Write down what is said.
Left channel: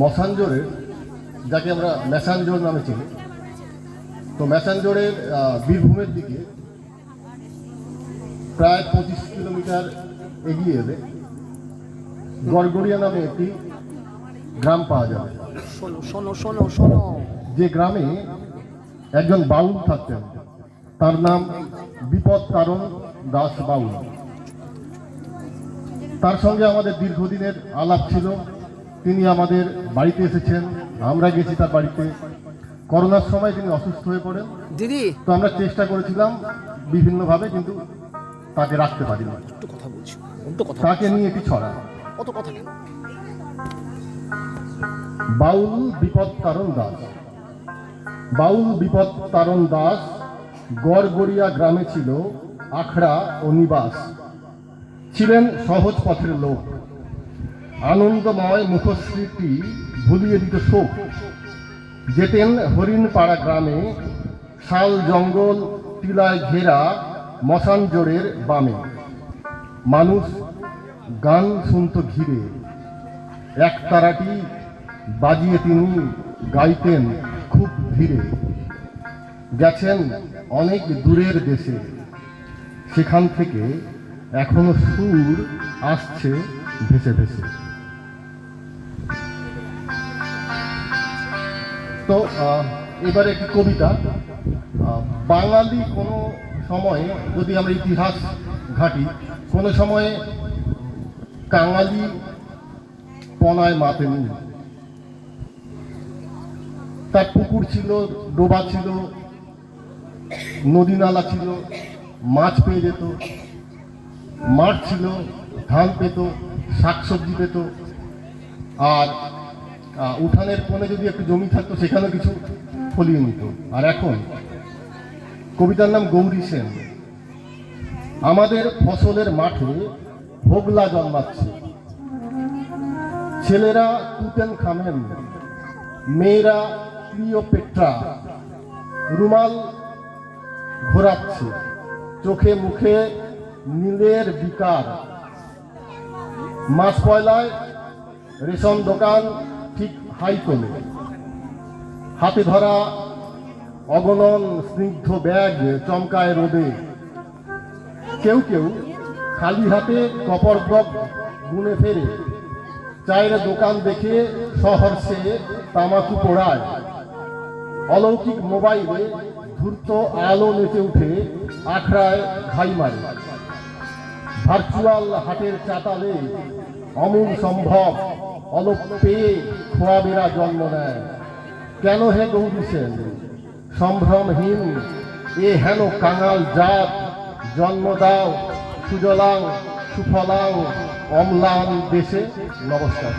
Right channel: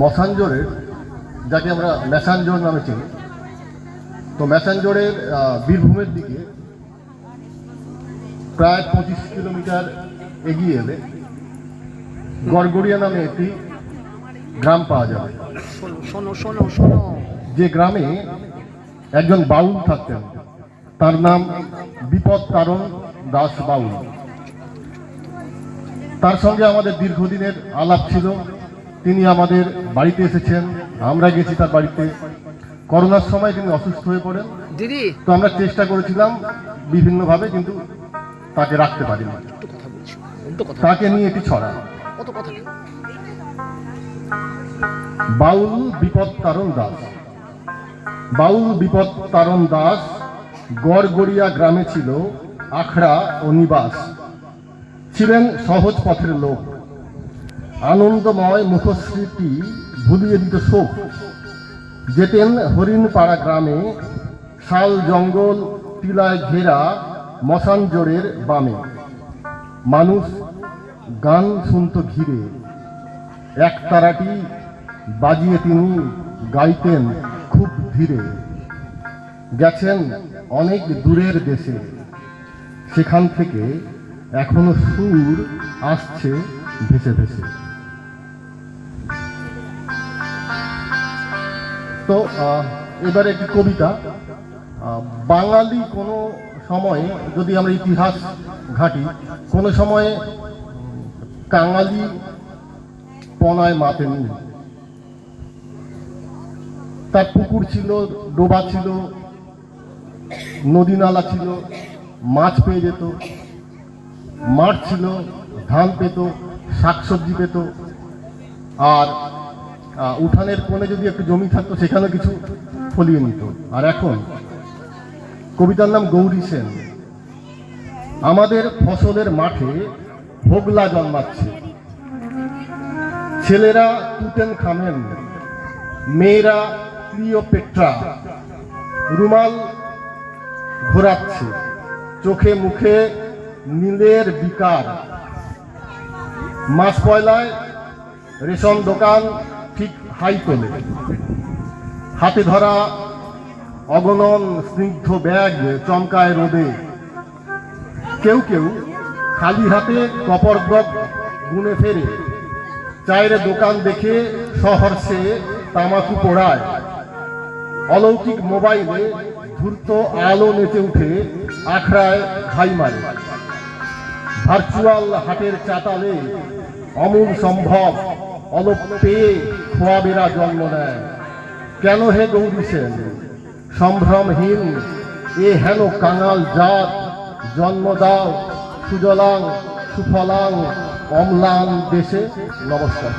মশানজোড়ের, যাকে আমরা ম্যাসানজোড় নামে চিনি, তো ম্যাসানজোড়ের বীরভূমের দিকে প্রায় 25 কিলোমিটার এগিয়ে এলে গড়গড়িয়া নামে একটি গ্রাম পাওয়া যাবে। শোনো শোনো শোনো, যে গ্রামে একজন বাউল থাকতেন, তার নাম বিপদ তারণ দাস বাউল। তার সঙ্গে আমাদের দীর্ঘদিনের আলাপ ছিল। তিনি আমাদের বাড়িতে এসেছেন, আমরা গেছি তার বাড়িতে। করোনার সময় তিনি অসুস্থ হয়ে পড়েন দিদি। তো আমরা চেষ্টা করেছিলাম বিভিন্নভাবে, কিন্তু তাকে রাখতে পারিনি। একটু কথা বলছি, তাকে নিয়ে এটি ছড়া। কত কথা কেন? বাউল বিপদ তারণ দাস। বাউল বিপদ তারণ দাস গড়গড়িয়া গ্রামে ছিল আখড়া ও নিবাস। ছিলেন সহজ পথের লোক। আনন্দময় মুখস্মৃতি ভুলিয়ে দিত শোক। যেতেন হরিণপাড়া গ্রামে, শাল জঙ্গল টিলায় ঘেরা মশানজোড়ের বামে। মানুষ গান শুনত ঘিরে, এক তারাটি বাজিয়ে তিনি গাইতেন খুব ধীরে। গেছেন অনেক দূরের দেশে, সেখান থেকে এখনো সুর আসছে ভেসে ভেসে। তো এবারে একটি কবিতা। বাঙালি কোনো সময়ে, যদি আমরা ইতিহাস ঘাঁটি, কোনো সময়ে কাঙালি পনায় মাতেনি। তার পুকুর ছিল, ডোবা ছিল, নদী নালা ছিল, মাছ পেয়ে যেত, মাঠ ছিল, ধান পেত, শাকসবজি পেত, আর উঠানের কোণে যদি একটু জমি থাকতো সেখানে কিছু ফলিয়ে নিত। আর এখন কবিতার নাম গৌরী সেন। আমাদের ফসলের মাঠে হোগলা জন্মাচ্ছে, ছেলেরা তুতেন খামেন, মেয়েরা ক্লিওপেট্রা। রুমাল ঘোরাচ্ছে, চোখে মুখে নীলের বিকার। মাস পয়লায় রেশন দোকান ঠিক হাই তোলে। হাতে ধরা অগণন স্নিগ্ধ ব্যাগ চমকায় রোদে। কেউ কেউ খালি হাতে কপরগপ গুনে ফেরে। চায়ের দোকান দেখে সহর্ষে তামাকু পোড়ায়। অলৌকিক মোবাইলে ধূর্ত আলো নেচে উঠে আখড়ায় ঘাই মারে। ভার্চুয়াল হাটের চাতালে অমূল সম্ভব অলপ পেয়ে খোয়াবেরা জন্ম নেয়। কেন হে গৌরী সেন সম্ভ্রমহীন এ হেন কাঙাল জাত, জন্ম দাও সুজলাং সুফলাং অম্লান দেশে। নমস্কার।